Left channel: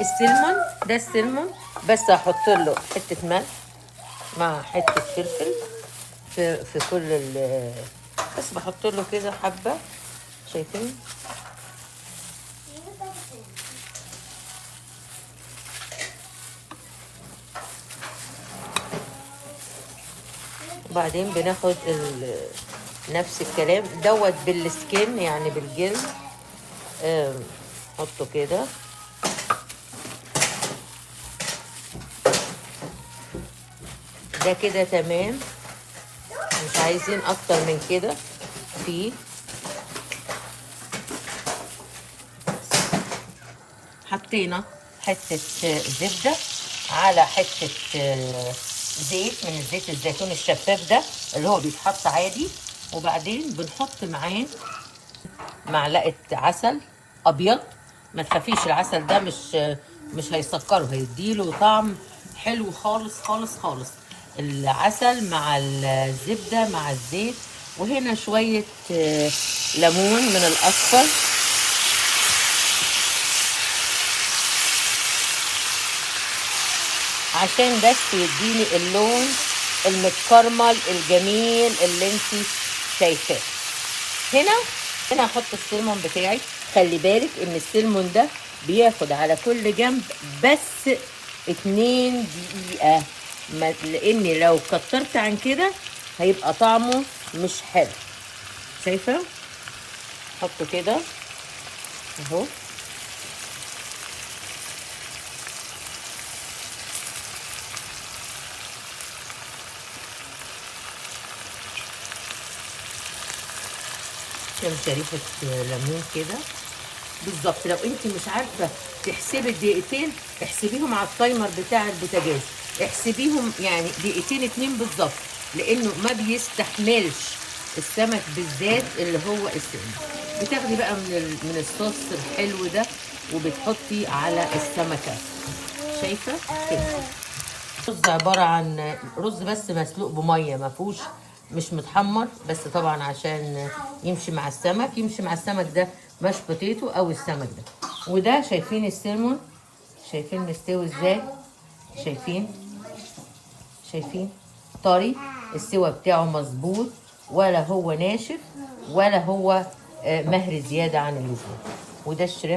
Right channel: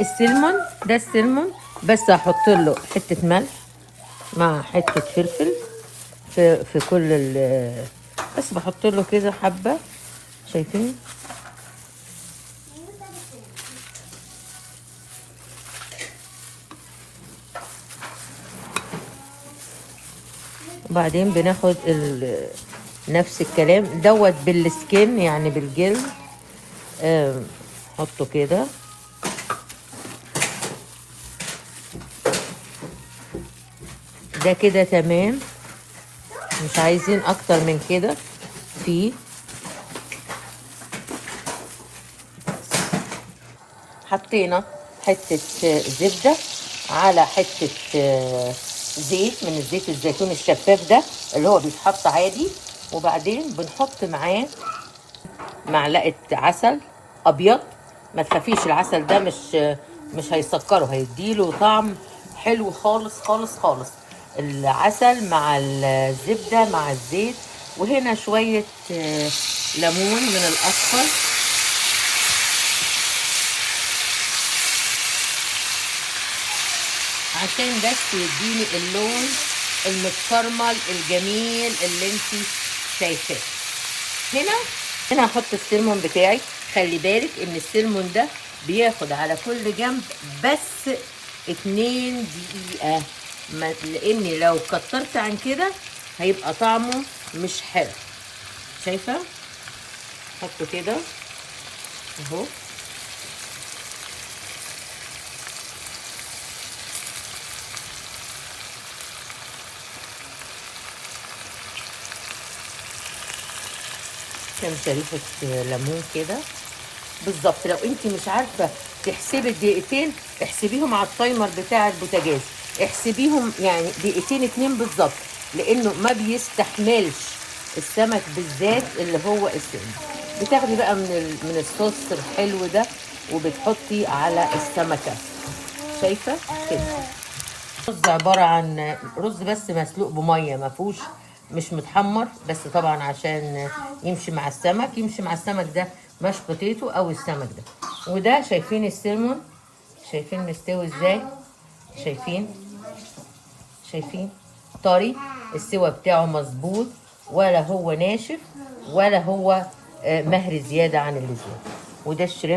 السلمون ده السلمون، بس هحط له حته ملح مع حته فلفل في كل بس بحط له كده حبه، شايفين؟ وبعدين بناخد نفس الكلام دوت بالسكين، يعني بالجلد، حطه كده. ده كده تمام، مش عايزين اكتر من كده. فيه حطينا حتة زبدة على حتة زيت من الزيت الزيتون الشفاف ده اللي هو بيتحط عادي، وبعدين بنحط معاه معلقة عسل ابيض. ما تخافيش، العسل ده مش هيسكره، هيديله طعم حلو خالص خالص خالص. العسل مع الزبدة مع الزيت، وهنا شوية ليمون من الاصفر، عشان بس يديني اللون المتكرمل الجميل اللي انت شايفاه. هنا هحط السلمون بتاعي. خلي بالك ان السلمون ده بياخد على كل جنب بس 2 دقيقة، لاني لو كترت عن كده هيبقى طعمه مش حلو. شايفة؟ حطه كده اهو. كام شريحة ليمون كده بالظبط. لو انت مش عارفه تحسبي الدقيقتين، احسبيهم على التايمر بتاع البوتاجاز، احسبيهم يعني دقيقتين 2 بالظبط، لانه ما بيستحملش السمك بالذات اللي هو السمك. بتاخدي بقى من الصوص الحلو ده وبتحطي على السمكه. شايفه كده؟ رز عباره عن رز بس مسلوق بميه، ما فيهوش، مش متحمر، بس طبعا عشان يمشي مع السمك. يمشي مع السمك ده ماش بوتيتو او السمك ده. وده شايفين السلمون، شايفين مستوي ازاي؟ شايفين طري، السوا بتاعه مظبوط، ولا هو ناشف ولا هو مهري زياده عن اللزوم. وده الشريمب.